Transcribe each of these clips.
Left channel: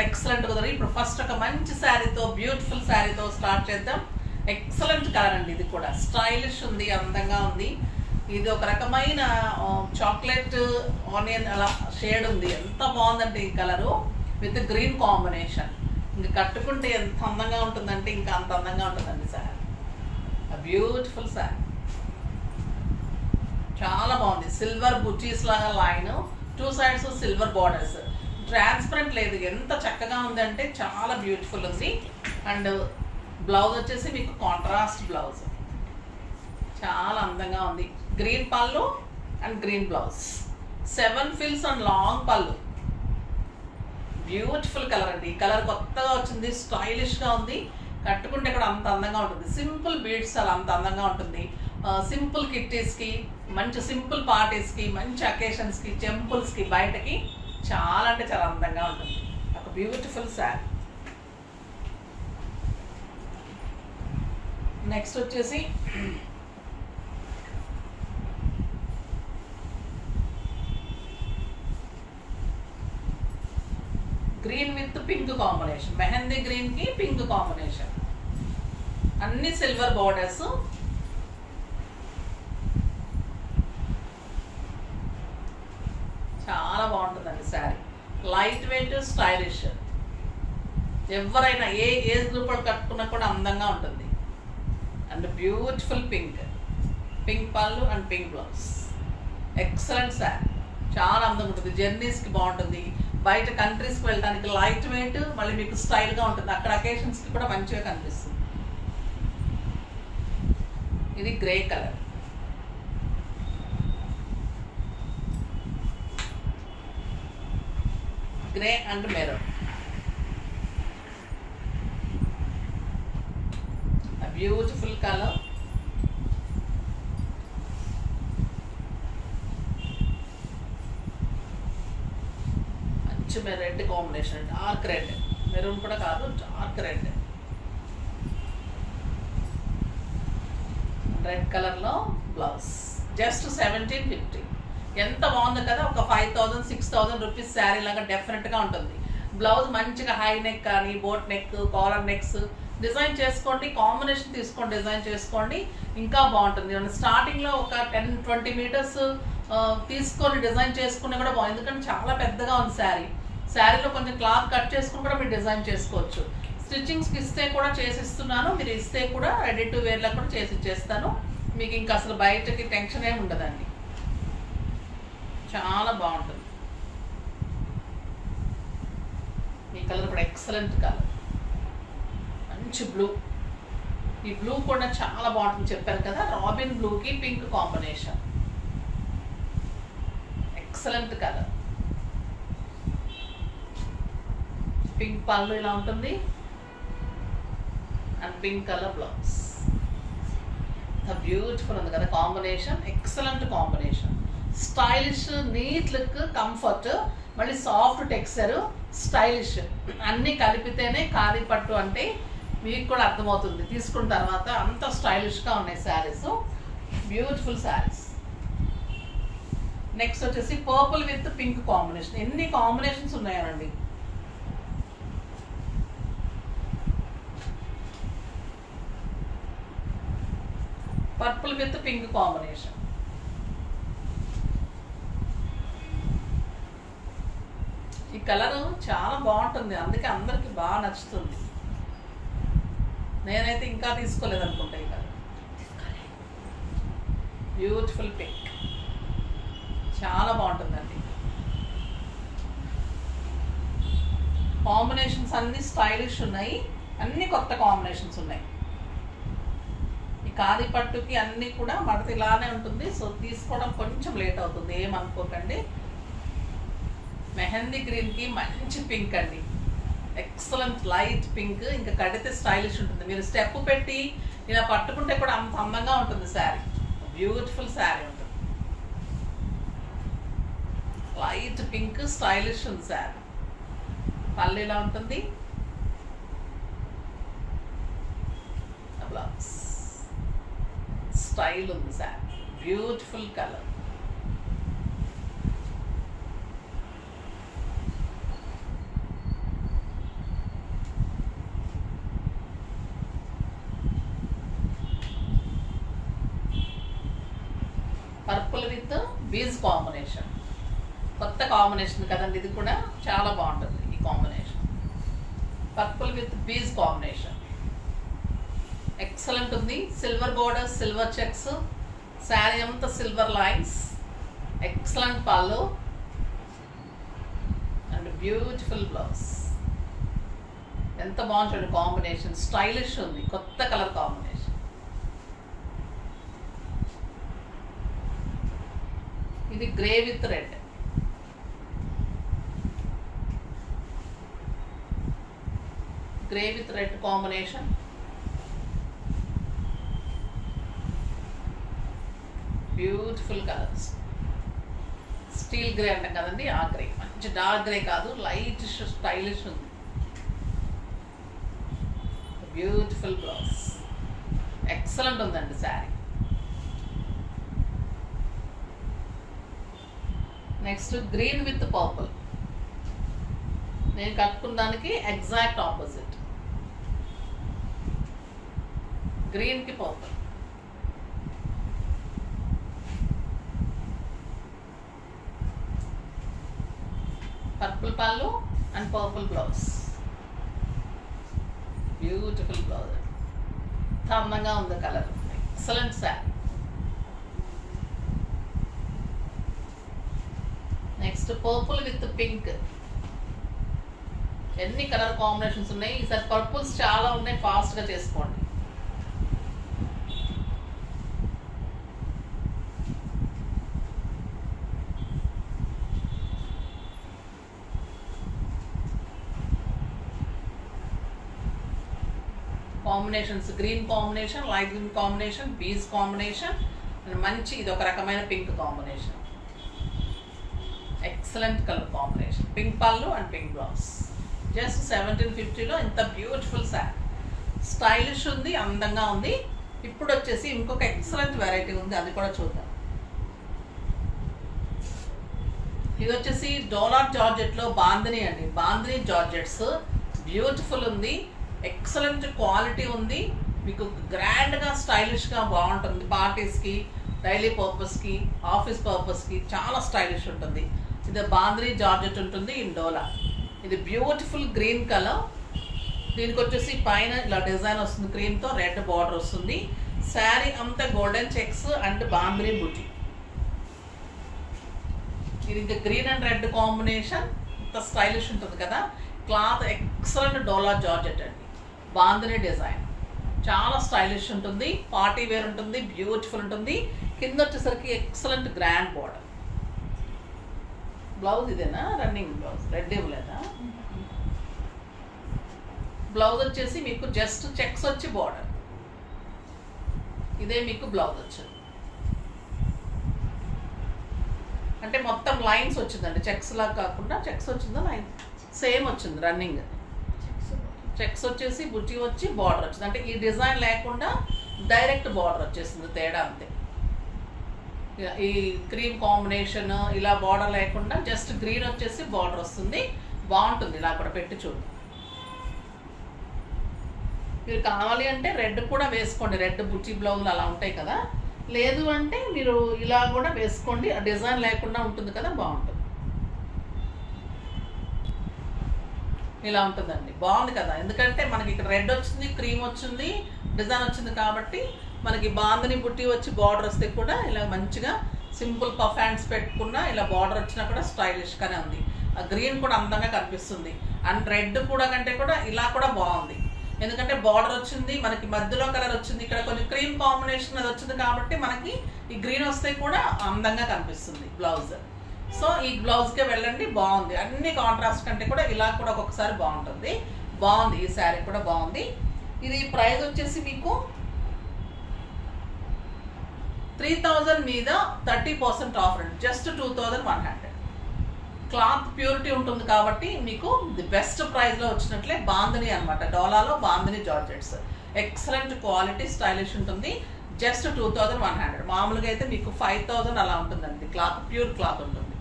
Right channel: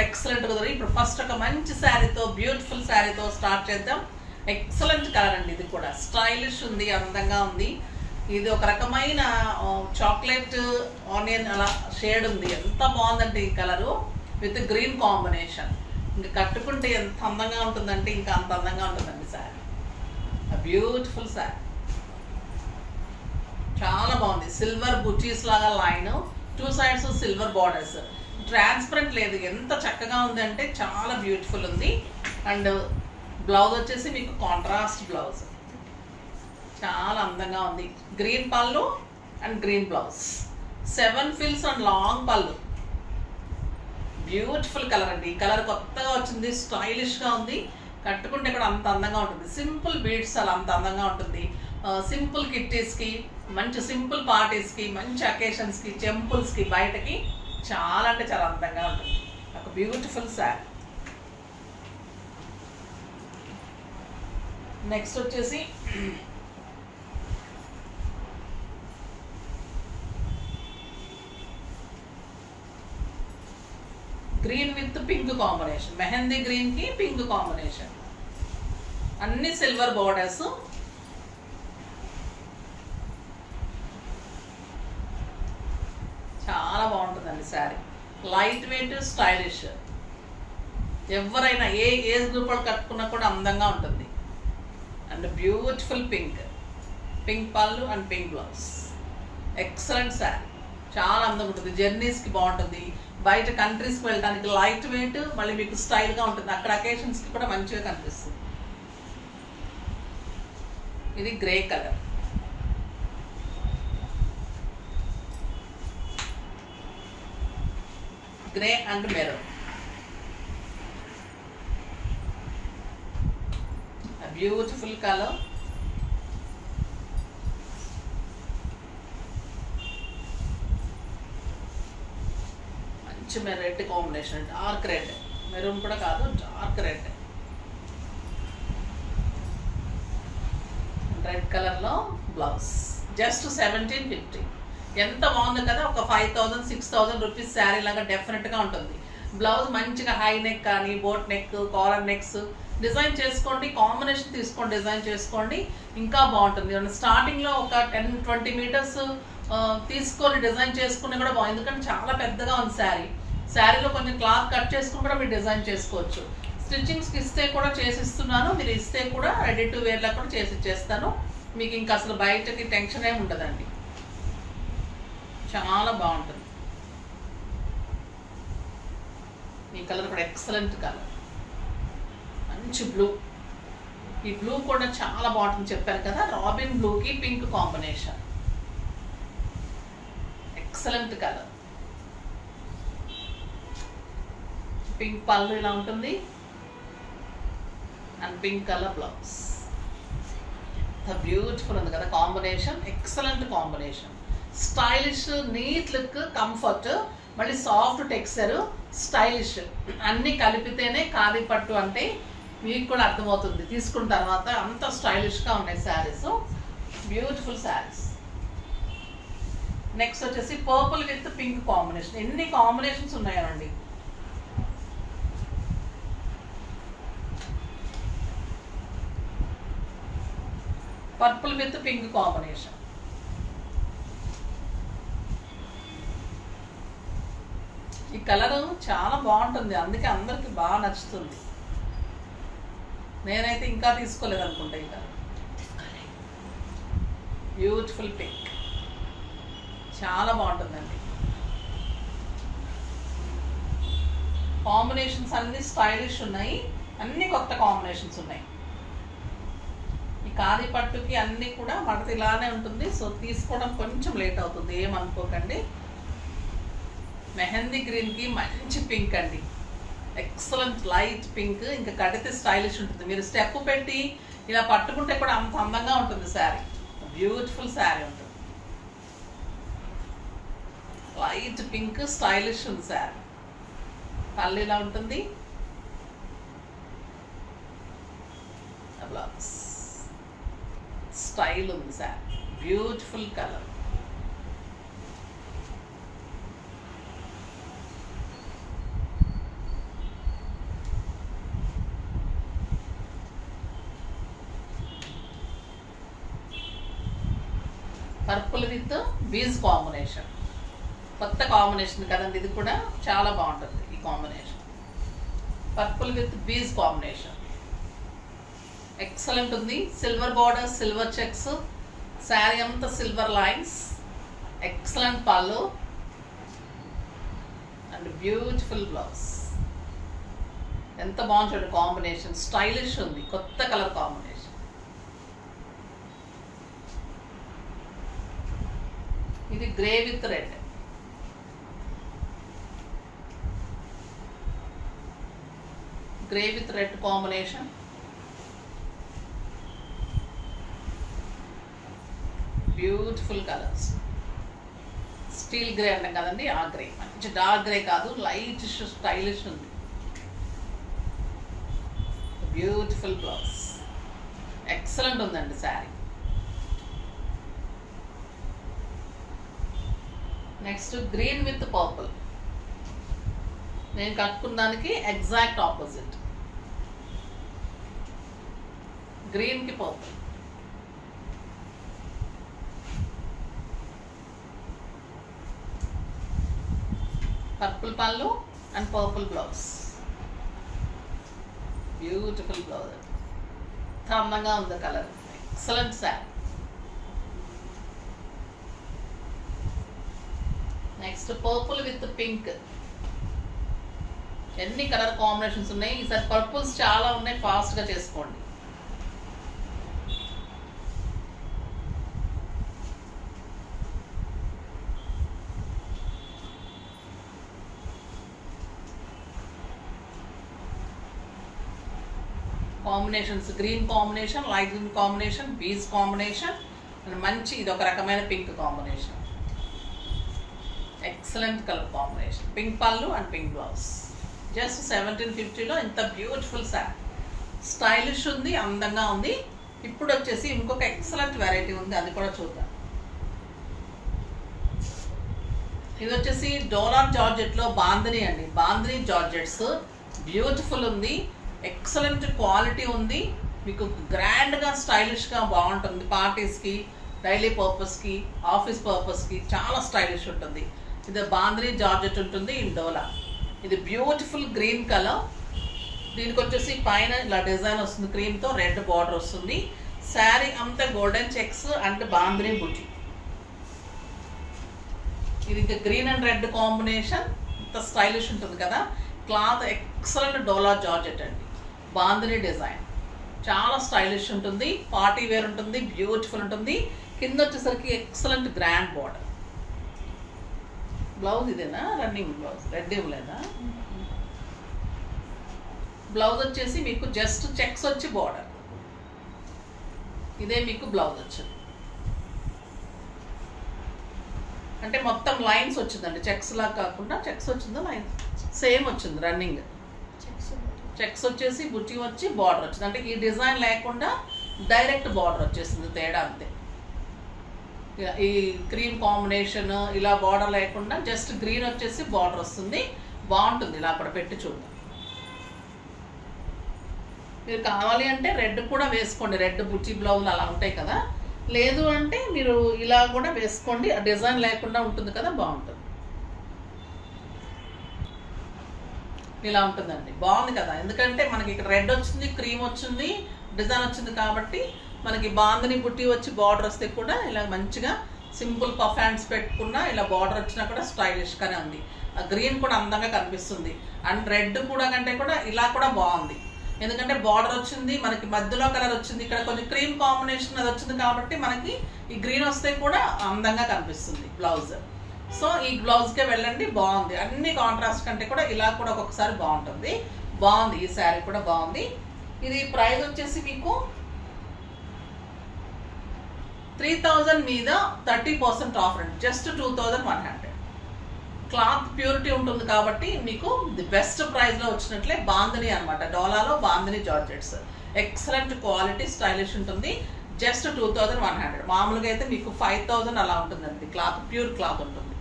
కూడా ఎక్సలెంట్ కుదరదు. ఇప్పుడు ఫస్ట్ ఒక మంచి శారీతో, బ్యూటిఫుల్ శారీతో స్టార్ట్ చేద్దాం. ఎక్సలెంట్ కలర్ అండి, ఇది కూడా స్టైలిష్ ఉంది, అందంగా ఉంది. ఇది ఒక రకమైన చాక్లెట్ ఆనియన్ అలా షేడ్ ఉంది. ఎంత బాగుందంటే ఈ కలరు విత్ గ్రీన్ కాంబినేషన్. ఇంకా కట్టుకుంటే ఎంత అందంగా ఉంటుందంటే ఇంకా అంత అందంగా ఉంటుందండి శారీ. బ్యూటిఫుల్ శారీ, చాలా బాగుంది. సిల్వర్ బుటీస్ లాగా line, 2 sides silver borders, transparent లేదు. ఎంత చక్కగా ఉంది అంటే చాలా బ్యూటిఫుల్ ఉంది. అండ్ బ్లౌజ్ వచ్చేసి మీకు కాంట్రాస్ట్ బ్లౌజ్, చాలా అందంగా ఉంది. గ్రీన్ పళ్ళు and green blouse, 7 fills and long పళ్ళు. బ్యూటిఫుల్ కలర్ అండి. ఈ కలర్ కొత్తగా వచ్చింది, స్టైలిష్గా ఉంది. కట్టుకుంటే కూడా అంత అందంగా ఉంటుంది. సింపుల్ బీడ్స్ అలా అంత అందంగా ఉంటుంది. సింపుల్ కిట్టీస్కి, మంచి సింపుల్ పార్టీస్కి, మంచి అకేషన్స్కి, టెంపుల్స్కి, బయటకి చాలా అంటే చాలా అందంగా ఉంటుంది. ఒక బ్యూటిఫుల్ శారీ. నెక్స్ట్ వచ్చేసి green with pink combination, mehndi green కి పింక్ కాంబినేషన్, అన్ని సిల్వర్ బోర్డర్స్. చాలా బాగుంటుందండి శారీ. Light weight, stylish. ఎవరైనా ఏ ఏజ్ గ్రూప్ వాళ్ళు కట్టుకున్నా కూడా అందంగా ఉంటుంది. అండ్ బ్యూటిఫుల్ పింక్, పింక్ పళ్ళు and pink blouse. Excellent sari, చాలా అందంగా ఉంటుంది. జర్నీస్కి బాగుంటుంది. బయట కంట్రీస్కి వెళ్ళడానికి లైట్ వెయిట్, మళ్ళీ మీకు స్టైల్గా ఉంటుంది. అక్కడ అకేషన్స్కి కూడా మంచిగా కనిపిస్తుంది. ఇది grey colour, grey and maroon. Beautiful colour. మంచి red combination, dark red, maroon కూడా కాదు, డార్క్ రెడ్. రెడ్ కలర్లో బ్లౌజ్, జస్ట్ 1750. ఎంత బాగుంది కదా. ఒక 5000, 6000 రూపీస్ శారీ లాగా డెఫినెట్గా ఉంటుంది. బ్లౌజ్ మంచిగా హై నెక్ కానీ, boat neck, caller next design చేసుకోండి. కాంబినేషన్ తీసుకోండి, డిజైన్ చేసుకోండి, ఇంకా బాగుంటుంది. స్టార్టింగ్లో ఒక 10-20 మీటర్స్ తీసుకొని డిజైన్ చేసుకుని కూడా బాగుంది. ఎందుకంటే చాలా పెద్దగా ఉంది శారీ. శారీలో కొంచెం క్లాత్ కట్ చేసుకుని కూడా మీరు డిజైన్ చేసుకోవచ్చు. స్టిచ్చింగ్స్కి ఇస్తే కూడా చేసిస్తున్నాను, మీరు ఇస్తే కూడా రెడీ టు వేర్లా కూడా చేసి ఇచ్చేస్తాను. మీకు ఇంకా అసలు బయటకి టెన్షన్ ఏమి ఉండదండి. చాలా బాగుంటుంది. ఈ కలర్ కూడా ఎక్సలెంట్ కలర్, మంచి బ్లూ. ఈ బ్లూ కూడా చాలా బాగుంటుంది, చెప్పాను కదా. రాబిన్ బ్లూకి pink combination, excellent colour. Pink పళ్ళు ఇలా ఉంటుంది and pink colour blouse. Beautiful ఉంది కదా combination, excellent combination. Stylish, neat look, comfort, మళ్ళీ సాఫ్ట్ టెక్స్చర్, స్టైలిష్ అన్నీ కలిపితేనే ఖాదీ పట్టు అంటే మీకు కూడా అర్థమవుతుంది తీసుకున్న తర్వాత. అంత స్టైలిష్గా ఉన్నాయి శారీస్, బ్యూటిఫుల్ శారీస్. నెక్స్ట్ వచ్చేసి పర్పుల్ విత్ పింక్ కాంబినేషన్. ఎన్ని కాంబినేషన్స్ ఉన్నాయండి. Purple with pink combination. ఈ కలర్ చాలా బాగుంటుంది, అందుకే అందరికి బాగా నచ్చుతుంది. నేనైతే ఇంకా తీసుకోలేదు అనుకుంటా ఈ కలర్. బ్యూటిఫుల్ పింక్, చాలా బాగుంటుందండి. కాంబినేషన్స్ అన్ని స్టైలిష్ ఉన్నాయి, అన్ని కొత్త కాంబినేషన్స్ ఉన్నాయి. ఈ ఖాదీ పట్టుకి అన్నీ కూడా మడత ఇలానే ఉంటుంది. సో తీసుకోవడం కొంచెం లేట్ అవుతుంది, ఏమనుకోకండి. మెహందీ గ్రీన్కి మంచి పింక్ అండి, ఎక్సలెంట్ లైట్ పింక్. ఇంకా కడితే స్టైలిష్ ఉంటుంది. మీరు స్టెప్ పెట్టి ఇలా పట్టుకుంటే కూడా అంత అందంగా ఉంటుంది శారీ. బ్యూటిఫుల్ శారీ ఉంటుంది. లైట్ పింక్, స్టైలిష్ ఉంది శారీ. పళ్ళు ఇలా ఉంటుంది, బ్లౌజ్ స్టైల్ ఉంది sari. Beautiful colour. Purple with beige combination, కొత్త కాంబినేషన్ కదండి ఇది కూడా, చాలా బాగుంటుంది ఈ combination. Purple with beige combination excellent ఉంది. Silver border, silver checks, sari అంతా సిల్వర్ లైన్స్, ఎక్సలెంట్ పళ్ళు అండ్ బ్యూటిఫుల్ బ్లౌజ్. ఎంత బాగుంటుంది కాంబినేషన్, స్టైలిష్ ఉంది, కొత్త కలర్ కాంబినేషన్. ఇది grey with red, grey with red combination. Beautiful colours, steel grey అంటాం కదండి ఆ గ్రే, మంచి డార్క్ గ్రే కాదు, లైట్ స్టైలిష్ ఉంది. బ్యూటిఫుల్ బ్లౌజ్, ఎక్సలెంట్ ఉందండి sari. Next green with purple, నేను కట్టుకున్నానికి ఎగ్జాక్ట్ ఆపోజిట్, గ్రీన్ కి పర్పుల్. పర్పుల్ పళ్ళు and purple blouse, beautiful blouse, అందంగా ఉంది colour, excellent sari. Next purple with pink, ఎన్ని కలర్ కాంబినేషన్స్ ఉన్నాయి ఈసారి, పర్పుల్స్ చాలా ఉన్నాయి, ఫాస్ట్గా చేసుకోండి. Combinations green combination, light green combination, beige combination and మంచి ఇది ఒక రకమైన pink combination, excellent colour combination. Pink పళ్ళు అండ్ పింక్ బ్లౌజ్, జస్ట్ 1750లో ఇంత బ్యూటిఫుల్ శారీ, స్టైలిష్ ఉంది, అందంగా ఉంది. ఇప్పుడు వచ్చేసి ఇంకొక ఎక్సలెంట్ వెరైటీ ఉంది, అది కూడా చూద్దాం. ఇది వచ్చేసి డోలా జార్జెట్లో బాందిని అండి, బాందిని జార్జెట్స్, బ్యూటిఫుల్ ఉంది, ఎక్సలెంట్ క్వాలిటీ ఉంది, మీకు గ్రాండ్గా స్టైలిష్గా బాగుంటుంది. పార్టీస్కి, డైలీ పర్పస్కి, ఆఫీస్ పర్పస్కి చాలా స్టైలిష్ ఉంటుంది. ఇది బాందిని జార్జెట్ ఉంటుంది ఇన్ డోలా. ఇది బ్యూటిఫుల్ గ్రీన్ కలర్, దీనికి వచ్చేసి పైన ఇలా డిజైన్ వస్తుంది, క్రీమ్తో రెడ్ బార్డర్ వస్తుంది. శారీ అంతా గోల్డెన్ చెక్స్ అండ్ బాందిని బుటీ. ఇది ఇంకా గ్రీన్ అండ్ రెడ్ కాంబినేషన్, ఇంత స్టైలిష్ ఉంటుంది కదా. క్లాత్ ఎక్సలెంట్ డోలా జార్జెట్ అండి, బాందిని డిజైన్, చాలా స్టైలిష్ ఉంటుంది, పార్టీ వేర్ ఉంటుంది, బ్యూటిఫుల్ ఉంటుంది. కింద వచ్చేసరికి ఎక్సలెంట్ గ్రాండ్ బార్డర్. బ్లౌజ్ ఇదేనా రన్నింగ్ బ్లౌజ్, రెడ్ ఇవ్వలేదా? బ్లౌజ్ వచ్చేసి మీకు జస్ట్ చెక్స్ వచ్చి బార్డర్, ఇదే మీకు బ్లౌజ్ వచ్చింది. అంటే మొత్తం లైన్స్ వచ్చిందండి, చెక్స్ లాగా కాకుండా చెక్స్ వచ్చిందా, లైన్స్ సేమ్ వచ్చింది రన్నింగ్. చెక్స్ వచ్చేసి బుట్టి వచ్చి బార్డర్ వచ్చింది, అంటే ఈ డిజైన్ లేకుండా డైరెక్ట్ బార్డర్ వచ్చేసింది, తేడా అంతే. ఈ క్రీమ్ కాంబినేషన్ ఇలా బార్డర్ లేకుండా జస్ట్ గ్రీన్ వచ్చేసి బార్డర్ వస్తుంది, బాగుంటుంది. ఇలా కూడా పెట్టి చూద్దాం. మీరు కావాలి అంటే రెడ్ కూడా వేసుకోండి, రెడ్ బుట్టి బ్లౌజులు అలా ఉంటాయి కదా, లేదు అంటే మీరు ఇలా కూడా వేసుకోండి, ఆ డిజైన్ లేకుండా ఉంటుంది కదా, బాగుంటుంది. ఇలా ఉంటుందండి, బాగుంది కదా. ఎందుకంటే మనకి ఇక్కడ రెడ్ వచ్చింది, క్రీమ్ వచ్చింది, డిజైన్ వచ్చింది కాబట్టి మనకి బాందిని బుట్టి వచ్చి బార్డర్ వస్తే కూడా ఇలా మంచిగా సింపుల్ పఫ్ హ్యాండ్స్ పెట్టుకున్నా ఇలా బార్డర్ వచ్చినా కూడా స్టైలిష్గానే ఉంది. ఆ గ్రీన్ కూడా అందంగా కనిపిస్తుంది, అండ్ రెడ్ కూడా కంటే కూడా ఇలా కూడా బాగుంది. ఎందుకంటే బార్డర్ వచ్చింది, మనకి మధ్యలో కలర్ వచ్చింది, ఇక్కడ కొంచెం క్రీమ్ కాంబినేషన్ అది వచ్చింది కాబట్టి మనకి ఈ గ్రీన్ వస్తే కూడా అందంగా కనిపిస్తుంది బ్లౌజ్. సో ఈ బ్లౌజ్కే వెళ్ళండి, బాగుంది. అన్ని కాంట్రాస్ట్ కంటే కూడా ఇలా కూడా ఒక్కొక్కసారి బాగుంటుంది, బాగుంది. ఈ శారీ కూడా బాగుంది. ఇది ప్రైస్ వచ్చేసి మీకు 3000 మీద 30% ఆఫర్ అండి, జస్ట్ 2100. క్లాత్ ప్యూరిటీ ఉంటుంది కాబట్టి మీకు ది బెస్ట్ ప్రైస్లో వచ్చినట్లే. బాందిని అనమాట, డోలాలో bandhani georgettes, excellent quality, stylish ఉంటుంది. జస్ట్ 2100. మామూలుగా అయితే మీకు 5000 అలా ఉంటుందండి. క్లాత్ ప్యూర్ క్లాత్ ఉంటుంది,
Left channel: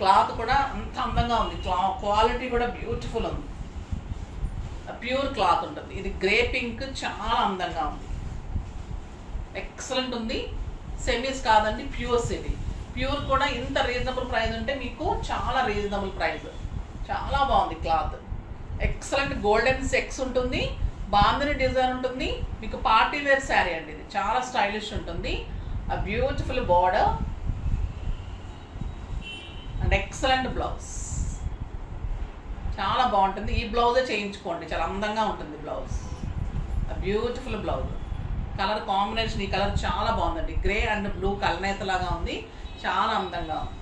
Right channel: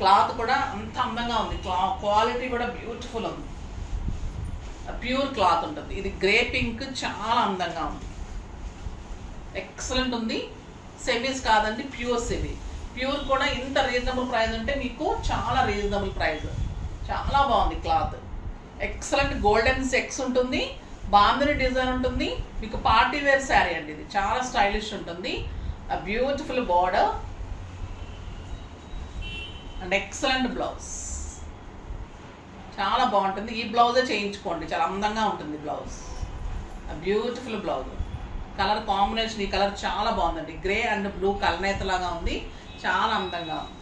క్లాత్ కూడా అంత అందంగా ఉంది, క్వాలిటీ కూడా బ్యూటిఫుల్ ఉంది, ప్యూర్ క్లాత్ ఉంటుంది. ఇది గ్రే పింక్ చాలా అందంగా ఉంది, ఎక్సలెంట్ ఉంది. సెమీస్ కాదండి, ప్యూర్ సెమీ. ప్యూర్ కూడా ఇంత రీజనబుల్ ప్రైస్ ఉంటే మీకు చాలా రీజనబుల్ ప్రైస్. చాలా బాగుంది క్లాత్. ఎక్సలెంట్ గోల్డెన్ సెక్స్ ఉంటుంది, బాందిని డిజైన్ ఉంటుంది. మీకు పార్టీ వేర్ శారీ అండి ఇది, చాలా స్టైలిష్ ఉంటుంది. ఆ beautiful border and excellent blouse. చాలా బాగుంటుంది. ఈ బ్లౌజే చేయించుకోండి, చాలా అందంగా ఉంటుంది blouse. Beautiful blouse. Colour combination, ఈ కలర్ చాలా బాగుందండి. గ్రే అండ్ బ్లూ కలనేత లాగా ఉంది, చాలా అందంగా ఉంది.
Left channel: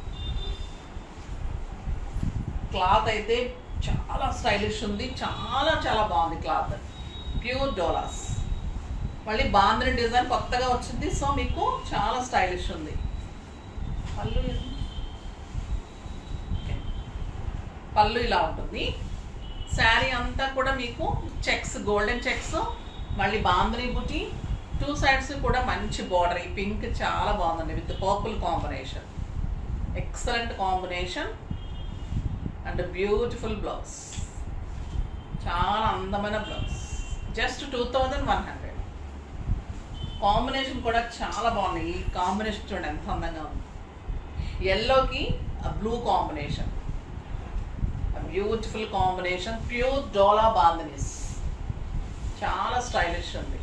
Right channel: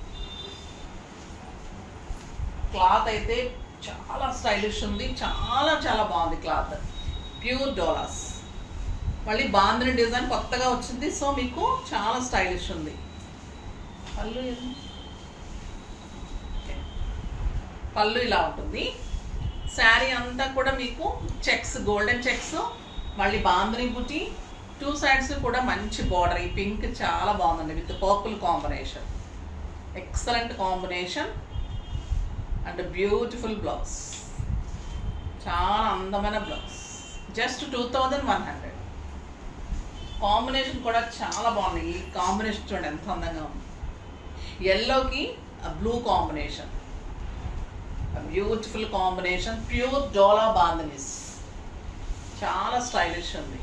క్లాత్ అయితే చాలా స్టైలిష్ ఉంది, చాలా చాలా బాగుంది క్లాత్. Pure Doulos. మళ్ళీ బాందిని డిజైన్ కొత్తగా వచ్చింది, సో మీకు చాలా స్టైలిష్ ఉంది. పళ్ళు ఇలా ఉంటుంది. శారీ అంతా కూడా మీకు చెక్స్, గోల్డెన్ చెక్స్, మళ్ళీ బాందిని బుటీ, 2 సైడ్స్ కూడా మంచి బార్డర్. ఈ పింక్ చాలా బాగుందండి with purple combination. Excellent combination and beautiful blouse. చాలా అందమైన బ్లౌజ్. జస్ట్ 2100. కాంబినేషన్ కూడా చాలా బాగుంది. ఈ కాంబినేషన్ చూడండి ఎంత అందంగా ఉంది. ఎల్లోకి blue combination, beautiful combination. Pure dola bandhanis, చాలా స్టైలిష్ ఉంది.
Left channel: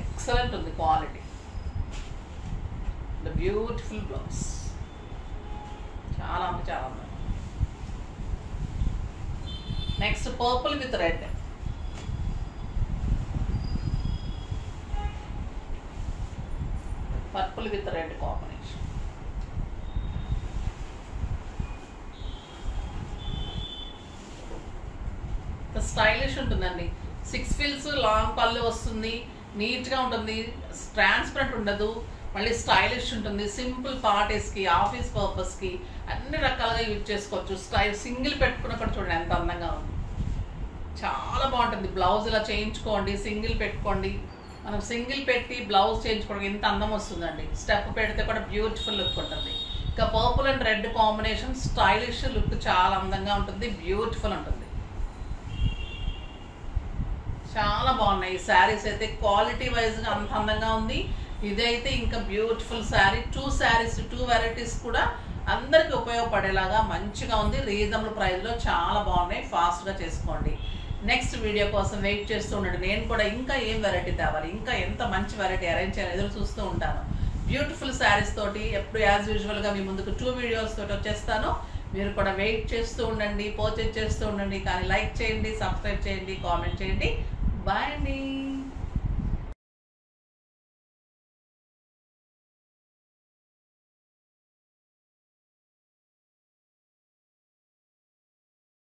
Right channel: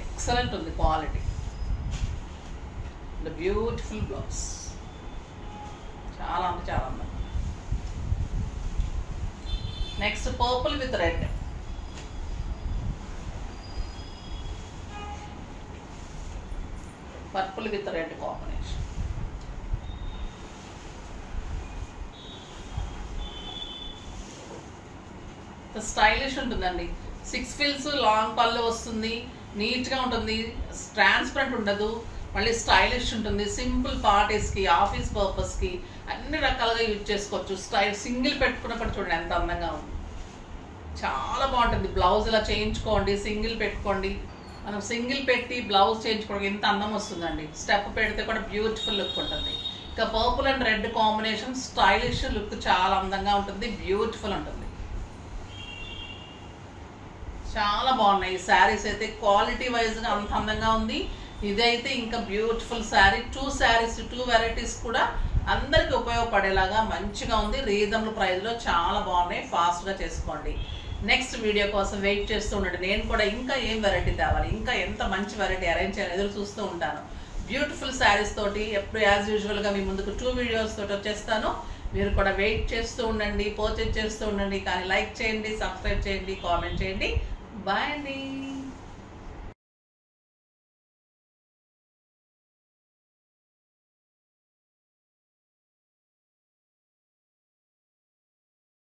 ఎక్సలెంట్ ఉంది క్వాలిటీ. The beautiful blouse. చాలా అంటే చాలా అందంగా. Next purple with red. Purple with red combination. Stylish ఉంటుందండి. 6 ఫిల్స్ లాంగ్ పళ్ళు వస్తుంది, నీట్గా ఉంటుంది, ట్రాన్స్పరెంట్ ఉండదు, మళ్ళీ స్టైలిష్ ఉంటుంది. సింపుల్ పార్టీస్కి, ఆఫీస్ పర్పస్కి అన్ని రకాలుగా యూజ్ చేసుకోవచ్చు. సింగిల్ పెట్టుకున్నప్పుడు చూడండి ఎంత అందంగా ఉంది. చాలా బాగుంటుంది. బ్లౌజ్ ఇలా చేయించుకోండి, సింగిల్ పెట్టుకోండి. మనం సింగిల్ పెట్టి బ్లౌజ్ చేయించుకోవడం ఎంత అందం వస్తుందండి. స్టెప్ పెడితే కూడా బ్యూటిఫుల్ లుక్ ఉంటుంది. ఇంకా purple and red combination stylish look, చాలా అందంగా ఉంటుంది, బ్యూటిఫుల్ ఉంటుంది. చాలా బాగున్నాయి ఈ శారీస్ అయితే. క్వాలిటీ వైజ్గా అంత అందంగా ఉంది. ఇదైతే ఇంకా బ్యూటిఫుల్ శారీ. 2 శారీస్, 2 వెరైటీస్ కూడా అందరికి ఉపయోగపడేలాగా మంచిగా ఉంది. రీజనబుల్ ప్రైస్లో చాలా బాగున్నాయి. ఫాస్ట్గా చేసుకోండి. నెక్స్ట్ వీడియో కోసం వెయిట్ చేస్తూ ఉండండి. నేను కూడా ఇంకా ఏం వెరైటీ తేవాలి, ఇంకా ఎంత మంచి వెరైటీ అరేంజ్ చేయాలి ఎదురు చూస్తూ ఉంటాను. బ్యూటిఫుల్ శారీస్ తోటి ఎప్పుడు యాజ్ యూజువల్గా మీ ముందుకు 2 వీడియోస్ తోటి వచ్చేస్తాను. మీరు కూడా వెయిట్ చేస్తూ ఉండండి, పర్చేజ్ చేస్తూ ఉండండి. కానీ లైక్ చేయండి, సబ్స్క్రైబ్ చేయండి, కామెంట్ చేయండి. బాయ్ అండి.